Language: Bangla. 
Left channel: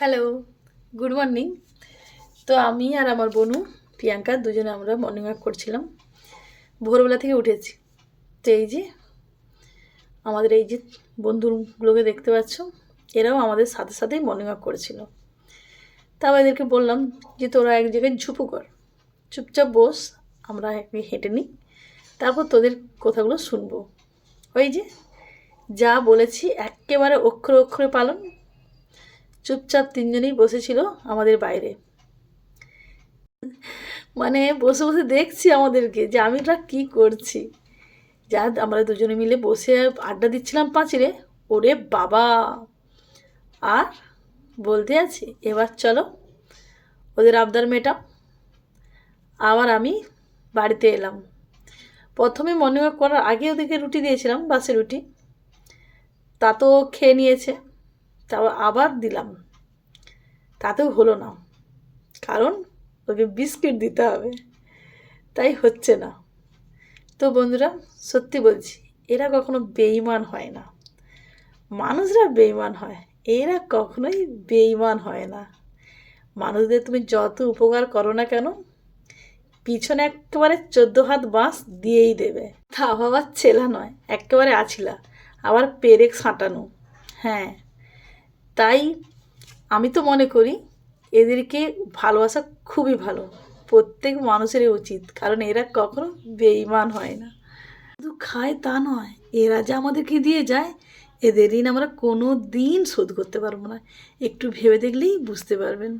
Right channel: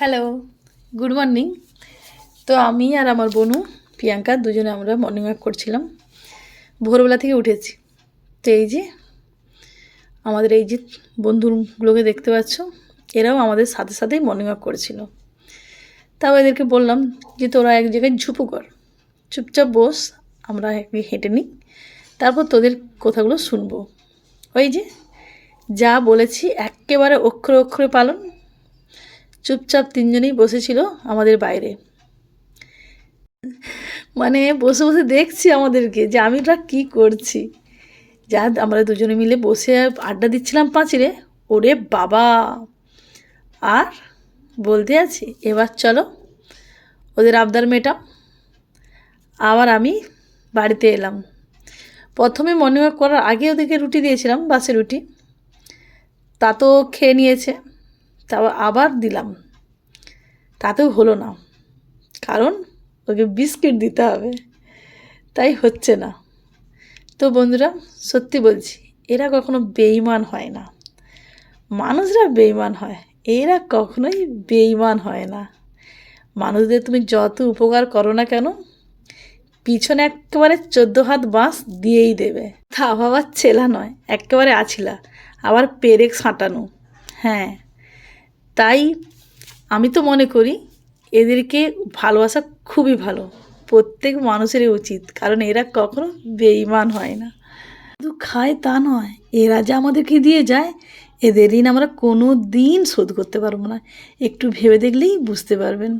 Hello, good morning. তো আমি আর আমার বোনু প্রিয়াঙ্কা দুজনে আমরা মর্নিং ওয়াক করছিলাম। ভোরবেলা থেকে উঠেছি। তো এই যে আমাদের এই যে বন্ধুগুলোকে দেখতে পাচ্ছ, এরাও আমাদের সাথে সাথেই মর্নিং ওয়াক করেছিল। তাও এদেরকে বললাম যে তোরা এক জায়গায় ঝুপু কর, চুপচাপ বস, আমরা হেঁটে নিই, তারপর তোদের কথাগুলো শুনবো। ওই যে যা বলেছি একেবারে অক্ষরে অক্ষরে পালন। চুপচাপ তিনজনেই বসেছিল আমাদের বাইরে, মানে বসে বসে দেখছি আমাদেরকে যে আমরা কী করছি। যা আমরা দুজনে মিলে বসে আড্ডা দিচ্ছিলাম পাঁচিলে। ওরে বাবা, আর বলতে আছি, এবার চলো ওদের আবদার মেটাও। আবার আমি বাড়িতে এলাম। প্রথমে মর্নিং ওয়াক করার আগে ওদেরকে রুটি দিয়েছিলাম, বাসে রুটি, তা তো খেয়ে নিয়েছে। তারপর আবার দিলাম, তাতেও হলো না, কারণ ওকে বিস্কিট দিতে হবে, তাই হচ্ছে না। তো বন্ধুরা, সত্যি বলছি, এরা কখনো বেঈমান হয় না। মানুষরা বেঈমান হয়, এরা কখনোই বেঈমান হয় না। মানুষদের তুমি যত উপকার করো না কেন, পিছনে একেবারে 14 হাত বাঁশ দিয়েই দেবে। তা আবার ছেলা নয়, একেবারে আছিলা, আবার পেরেক সাঁটানো। হ্যাঁ, তাই আমি তো মনে করি এদেরকে ভালোবাসা খুবই ভালো, প্রত্যেক মানুষেরই উচিত, কারণ এরা কখনো বেঈমান হয় না। শুধু খায় তা নয়, এরা যে আমাদেরকে দিয়ে যায়, এদের ঋণ আমরা কোনো দিন শোধ করতে পারবো না। একটু ভেবে দেখলেই বুঝতে পারবেন।